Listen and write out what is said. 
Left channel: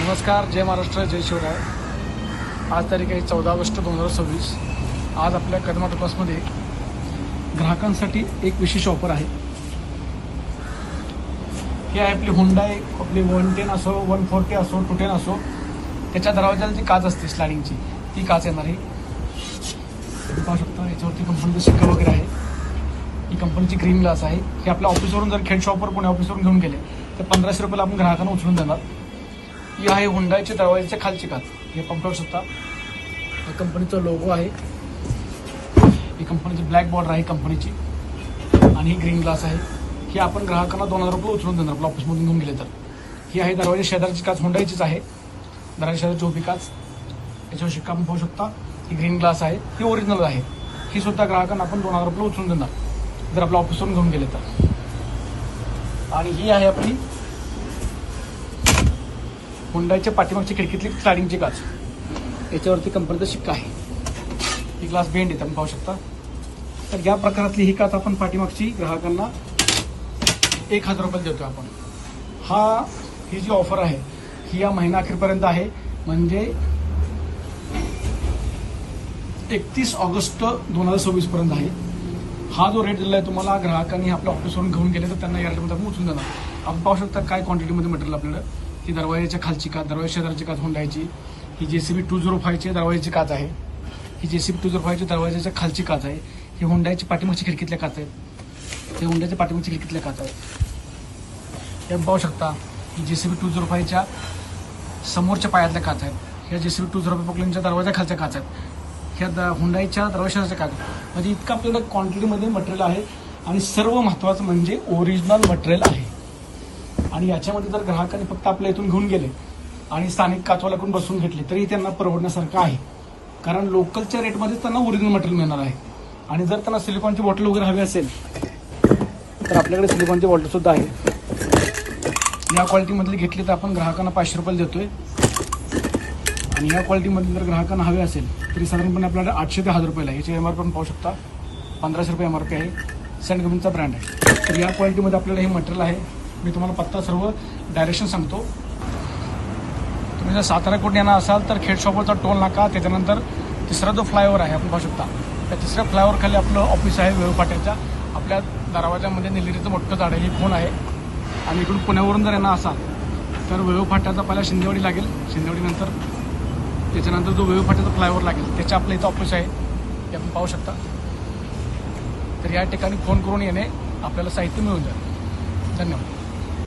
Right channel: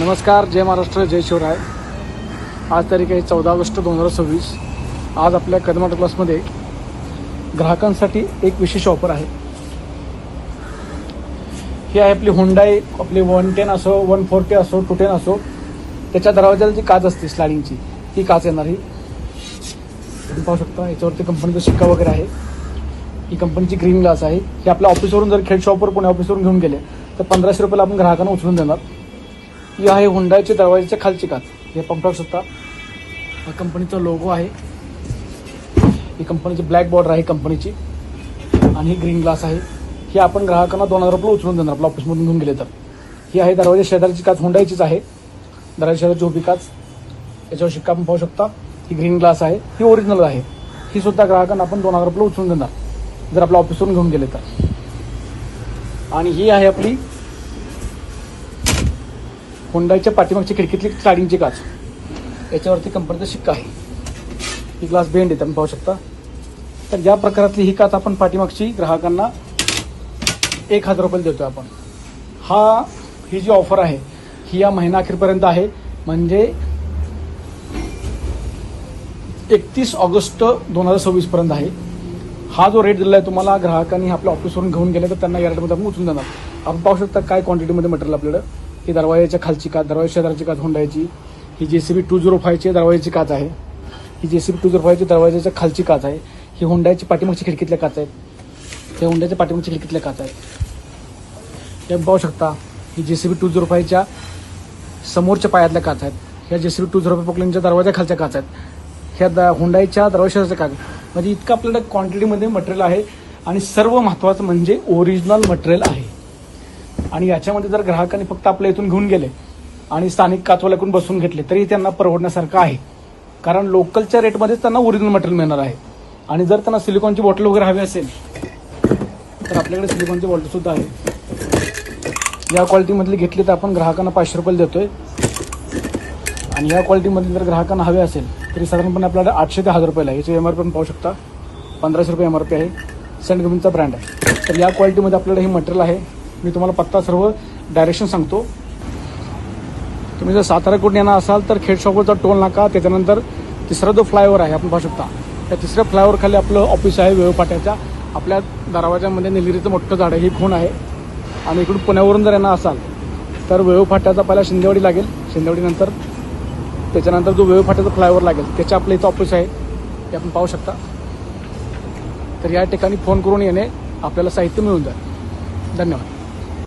नमस्कार, जय महाराष्ट्र, जय शिवराय। आज तारीख आहे 14 ऑगस्ट 2026। आज आपल्या कदम क्लासमध्ये ग्राहकांसाठी एक विशेष ऑफर आहे। ही आहे आपली हुंडाई, आपली 110 असो, 140 असो, 210 असो, त्याच्या दरवाजाला जी काच असते स्लायडिंगची, ती काच येणार ही तुम्ही पाहू शकता। याच्यावरती कंपनीचा शिक्का वगैरे आहे। ही कंपनीची ग्रीन ग्लास आहे। ही आपल्या ऑफिसवरून जर खेड शॉपवर पुणे ऑफिसवरून घेऊन गेले तर 1500 रुपयाला आपण ग्राहकांना उचलून देणार। ही आहे हुंडाईच्या दरवाजाच्या खालची काच। हे आपण पाहू शकता, या कंपनीचा लोगो आहे। ही कंपनीची ब्लॅक बॉर्डर आहे कंपनीची, आणि ही ग्रीन ग्लास आहे। ही आपण ग्राहकांना 2000 रुपये उचलून देणार आपल्या ऑफिसमधून घेऊन गेले तर। ही आहे दरवाजा शेजारची काच, हुंडाईचीच आहे। दरवाजा शेजारची उभी काच, याच्यावर शिक्का आपण पाहू शकता। ही ग्रीन ग्लास आहे, ही ओरिजिनल आहे। ही सुद्धा ग्राहकांना आपण 2000 रुपये उचलून देणार जर आपल्या ऑफिसवरून घेऊन गेले तर। आणि ही आहे आपली हुंडाईच्या पाठीमागची खिडकीतली स्लायडिंगची काच। याच्यावरती कंपनीचा शिक्का आहे। ही ग्लास बेंड आहे, तुम्ही पाहू शकता। तर या प्रकारातली ही काच आपण पाठीमागची ग्राहकांना 1000 रुपये देतोय आपण। ही जी ऑफर आहे ही या महिना अखेरपर्यंत आहे, म्हणजे 31 ऑगस्ट 2026 पर्यंत आहे। हा जो रेट दिला आहे तुम्हाला, ग्राहकांनी आपल्या ऑफिसवरून घेऊन गेले तर त्यांना या रेटमध्ये आपण उचलून देणार। आपण पाहू शकता काय क्वांटिटीमध्ये मटेरियल आपल्याकडे। ही दरवाजाच्या खालची काच, दरवाजा शेजारची काच हुंडाईची। ही JCB 205 दरवाजाची काच आहे। ही JCB 205 दरवाजाच्या खालची काच आहे। ही हुंडाईची पाठीमागची खिडकीतल्या काच आहेत। या हुंडाईच्या पाठीमागची खिडकीतल्या काच आहेत। हे पाहू शकता, ही JCB 205 समोरच्या पायातल्या काच आहेत। ह्या JCB 205 पोकलेनच्या दरवाजा खालच्या काच आहेत। ह्या हुंडाईच्या दरवाजाच्या काच, म्हणजे इतकं आपल्याला क्वांटिटीमध्ये मटेरियल आहे। आणि सर्व महत्त्वाचं म्हणजे ओरिजिनल मटेरियल आहे। आणि याच्यामध्ये जर ग्राहकांनी फक्त आपल्या इथून घेऊन गेले आणि स्थानिक काचवाल्याकडून बसून घेतले तरी त्यांना परवडण्यासारखं आहे, कारण लोकलच्या रेटमध्येच त्यांना ओरिजिनल मटेरियल मिळणार आहे। आणि जर त्यांना सिलिकॉनची बॉटल वगैरे हवी असेल तर आपल्याकडे सिलिकॉनची बॉटल सुद्धा आहे। या क्वालिटीमधली घेतली तर आपण ग्राहकांना 500 रुपये देतोय। आणि या क्वालिटीमधली जर ग्राहकांना हवे असेल तरी साधारणपणे आपल्याला 800 ते 1000 रुपयाला आहे। याची MRP पण पाहू शकता, 1500 रुपये MRP आहे। सेंट कंपनीचा ब्रँड आहे। तर या क्वालिटीमध्ये आपल्याला हे मटेरियल आहे। मी तुम्हाला पत्ता सर्व डायरेक्शन सांगतो। तुम्ही जर साताराकडून येणार असाल तर खेड शॉपवरचा टोल नाका, त्याच्यानंतर तिसरा जो फ्लायओव्हर आहे आपण पाहू शकता, त्या तिसऱ्या फ्लायओव्हर खाली आपलं ऑफिस आहे वेळपाट्याच्या। आपल्या दरवाजामध्ये निलगिरीचं मोठं झाड आहे, ही खूण आहे। आणि इकडून पुण्यावरून जर येणार असाल तर वेळपाट्याचा पहिला शिंदेवाडी लागेल, शिंदेवाडीनंतर त्याच्यानंतर जो वेळपाट्याचा फ्लायओव्हर लागेल त्याच्या आपल्या इथं ऑफिस आहे, हे आपण पाहू शकता। तर या ठिकाणी फोन करून येणे, आपल्याला साहित्य मिळून जाईल। धन्यवाद।